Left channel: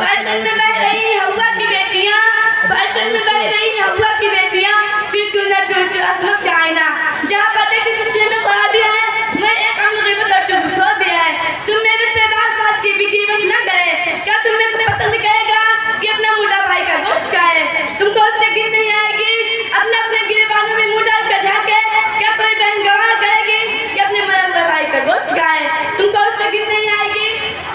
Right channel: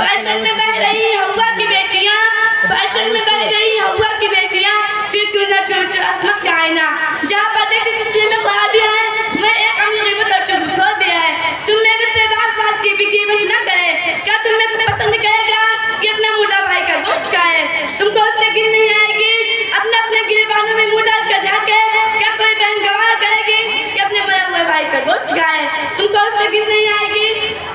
Fashion में बह रही हवा की बेटियां, फैशन में बह रही हवा की बेटियां, फिर क्यों ना चमक के आईना। जहाँ बातें की कुत्ते में खराबी है, वह एक अमीर गिबत और चुगलखोर भी है। तुम मेरे से बात की भी गिबत न करे, क्या तुम्हें पसंद करेगा कि अपना मुंडा भाई का दोस्त का है? तुमको उससे गिर नहीं आएगी अपने अपने गिरबानों में मुंह डाल कर झाके। क्या कोई बहन गवाह करेगी कि अपने मरा हुए भाई का दोस्त का है? तुमको उससे गिर नहीं आएगी।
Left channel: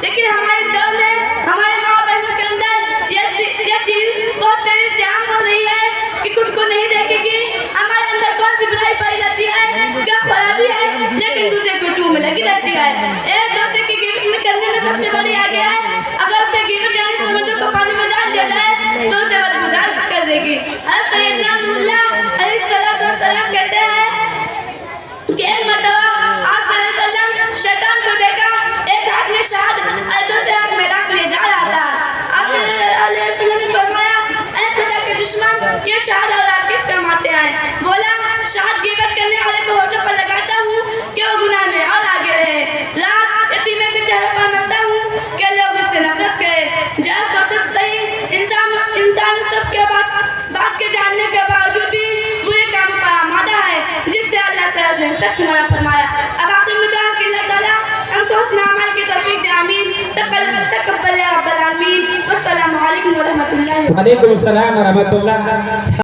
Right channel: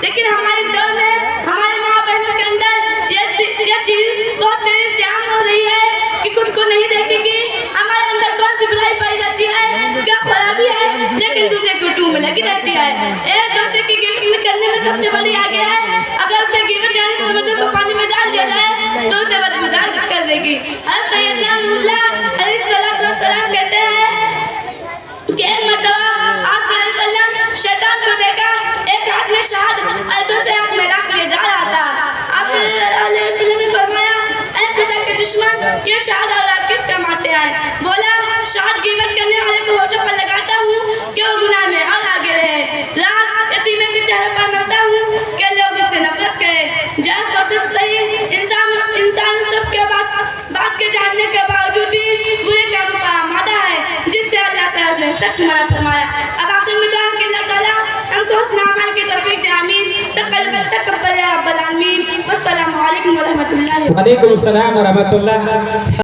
लेकिन हमारे दौर में हमारे माँ बहनों के अंदर यह चीज बहुत तेजी से आम हो रही है कि खुद को नहीं देखेगी हमारे अंदर कौन सी बुराई पाई जाती है, क्या खराबी है, लेकिन दूसरे को टू में लगी रहती है। एक दूसरे की गिफ्ट करने में सबसे बड़ी आगे है। अगर उससे गिफ्ट यानी समझो को पानी में डाल दिया जाए तो उसे बदगुजार कर देगी। सैयदना नूरुल्लाह अलैहिस्सलाम कहते हैं कि एक मर्तबा आप सल्लल्लाहु शैतान को देखा, एक हाथ में शहद और दूसरे हाथ में राख लिए जा रहा था। आप सल्लल्लाहु ने फरमाया, ऐ खुदा के दुश्मन, ये शहद और राख किस काम आते हैं? बोला, शहद गिबत करने वाले को होठों पर लगाता हूँ कि वो गुनाह में और आगे रहे, राख यतीमे के चेहरे पर मलता हूँ कि लोग उससे नफरत करें। जरा सोचो सही, इंसान सबके बात के जानने के बावजूद भी बुरे काम पर आमादा है, जिससे अल्लाह ताला ने सख्त मना फरमाया। अब आखिर में कहा कि अल्लाह ताला हमको हुस्न अमल की तौफीक दे, आमीन। तक़ब्बल या रब्बल आलमीन। वस्सलामु अलैकुम व रहमतुल्लाहि। वालेकुम अस्सलाम व रहमतुल्लाह।